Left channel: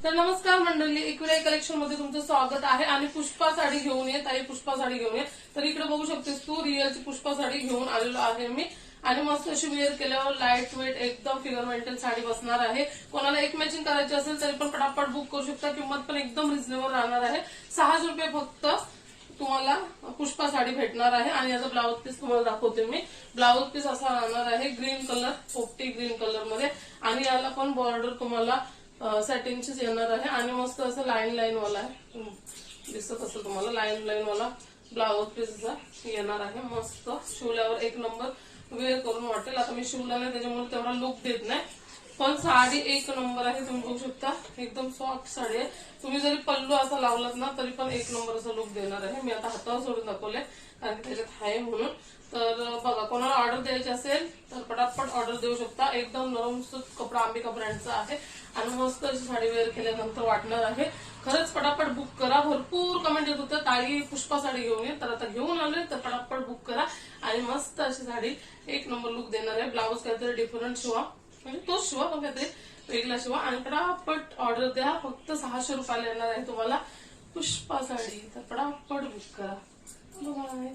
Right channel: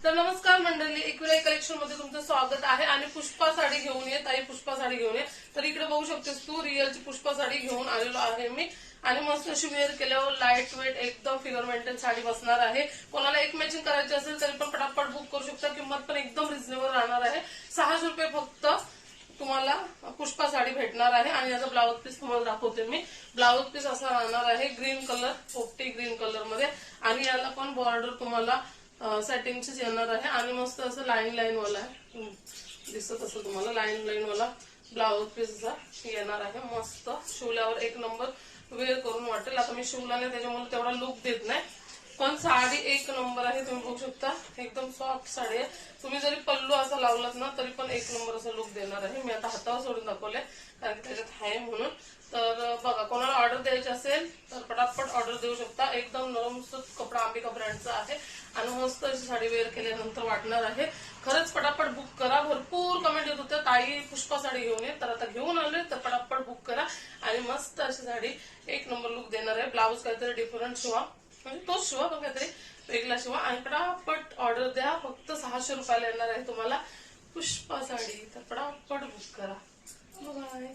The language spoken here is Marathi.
तर नमस्कार मंडळी, एकविरा कलेक्शन मध्ये तुमचं स्वागत आहे. आणि पुष्पा साडी घेऊन ये ताई, पुष्पा साडी घेऊन ये. तर इकडे बघू शकतेस तू, रिअलची पुष्पा साडी घेऊन आलेलो आहे मी. आणि मस्त अशी वेअर केल्यावर लाईट वेट एकदम फिगर मेंटेन साडी बसणार आहे. कोणाला एक मॅचिंग करायची असेल तरी पण पटापट बुक करू शकता. किंमत पण एकदम रिझनेबल राहणार आहे. 600 रुपये फक्त तुम्हाला पुष्पा साडी भेटणार आहे. आणि याचा ब्लाऊज पीस तुम्हाला दाखवते मी. ब्लाऊज पीस असा राहणार आहे ग्रीन कलर, पोपटी ग्रीन कलर मध्ये. आणि याला पण बॉर्डर तुम्हाला सेटिंगचीच येणार आहे. आणि मस्त असं लाईन लाईन वाला आहे, दिसत असं तुम्हाला लाईन लाईन वाला ब्लाऊज पीस येणार आहे. मस्त शिवल्यावर एक नंबर वेअर करून वाटेल. आता मी शिवला नाही त्याच्यामुळे तेवढा लुक देत नाही, पण साडी एक नंबर आहे. तुम्ही बघू शकता एकदम सॉफ्ट साडी आहे. तुम्ही जरी पल्लू असा लावलात ना तरी पण एक नंबर असा लुक देणार आहे. मी आता हातावर सोडून दाखवले कारण त्याच्यात आहे म्हणून. तर बघा, कोणाला ऑर्डर द्यायची असेल तर पटापट ऑर्डर देऊ शकता. एकदम नरम कपडा अंबिका ब्रँडचा आहे. आणि मस्त अशी साडी वेअर केल्यानंतर वाटणार आहे. खरंच पटापट बुक करा. भरपूर कमेंट येत होते ताई पुष्पा साडी घेऊन ये, तर आता घेऊन आले तर पटापट बुक करा. आणि मस्त अशी साडी एक नंबर लुक देणार आहे. ब्लाऊज काहीतरी डिफरंट शिवा, म्हणजे तोच शिवा पण काहीतरी वेगळा शिवा. आणि पटापट ऑर्डर द्या. फक्त 600 रुपयाला येणार आहे तुम्हाला पुष्पा साडी. तर पटापट बुक करा. बाय.